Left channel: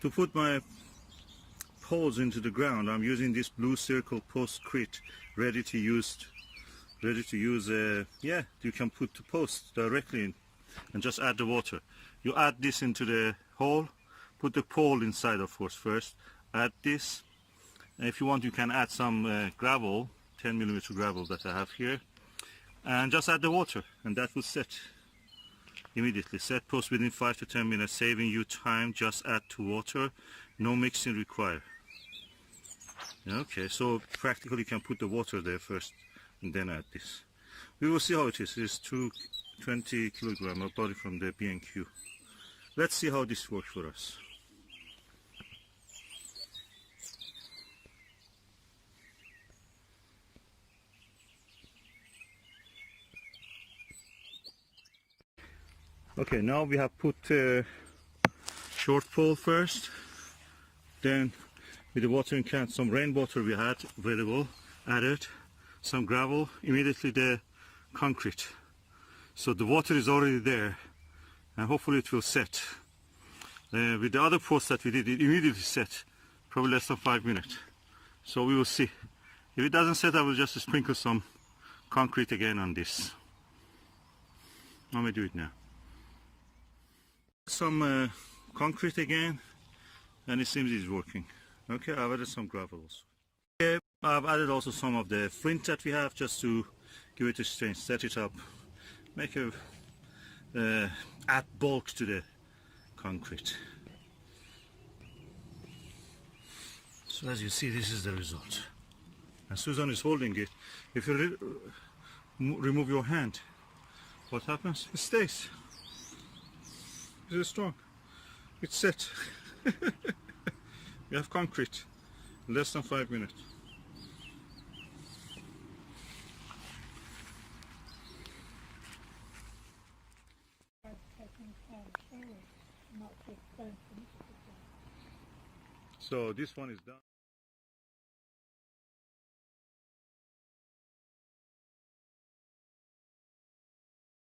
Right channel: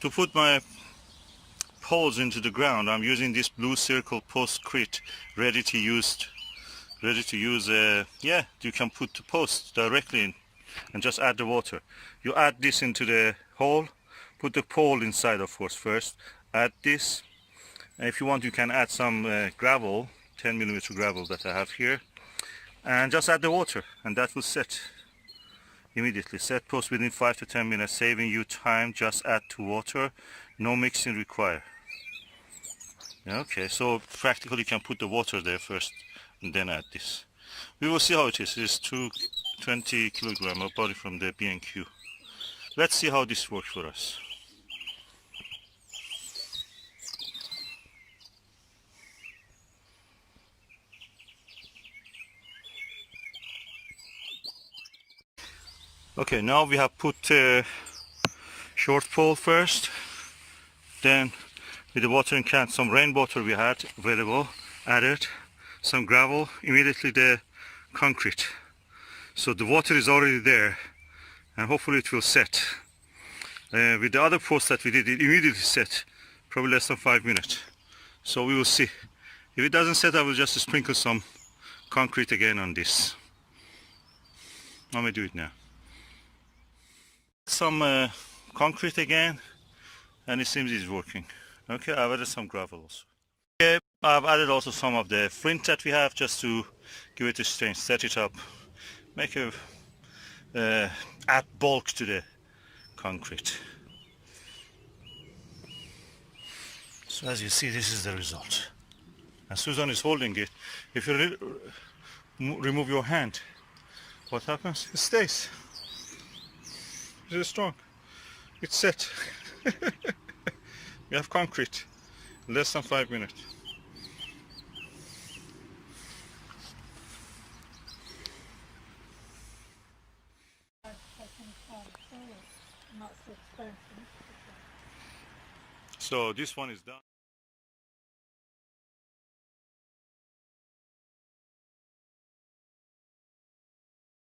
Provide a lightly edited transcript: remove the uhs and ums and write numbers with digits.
To put my poles into the ground, I'm using this blue circle Poscrete, ready to use. Yeah, you can put the post directly in and just add the water. You add this into the hole, put the pole inside, of course, first. Add this, and if you want, you can add some gravel, 10mm gravel that I have here, and just add the water, and that will set immediately. Set post within 5 to 10 minutes, saving you time. Just add to water, no mixing required. Okay, so practically you can put the water there first and then add this. We will see how it is. It's 220 kilogram of body from the B&Q. Let's see how this works for us. Okay, now we have put short pole first, then with the watering can, some rainwater we had available, added some gravel, immediately the concrete. So the water is already there, and hopefully it will set. With the other post that we did, it immediately set, probably less than 5 minutes. So we will see. If it doesn't set, I will just sprinkle some concrete again on this. Let me do it now. Some concrete again, and it seems it's working. Okay, I've added some gravel also. Okay, I've added also some of the flint that we have, just to give it a strength, set it up, make a add bulk to the concrete. So as you see, this is the result. And Susan is holding it. If you remove your hand, what happens? It stays. It is strong. It's set. We have concrete. Less than 5 minutes. So this one is done.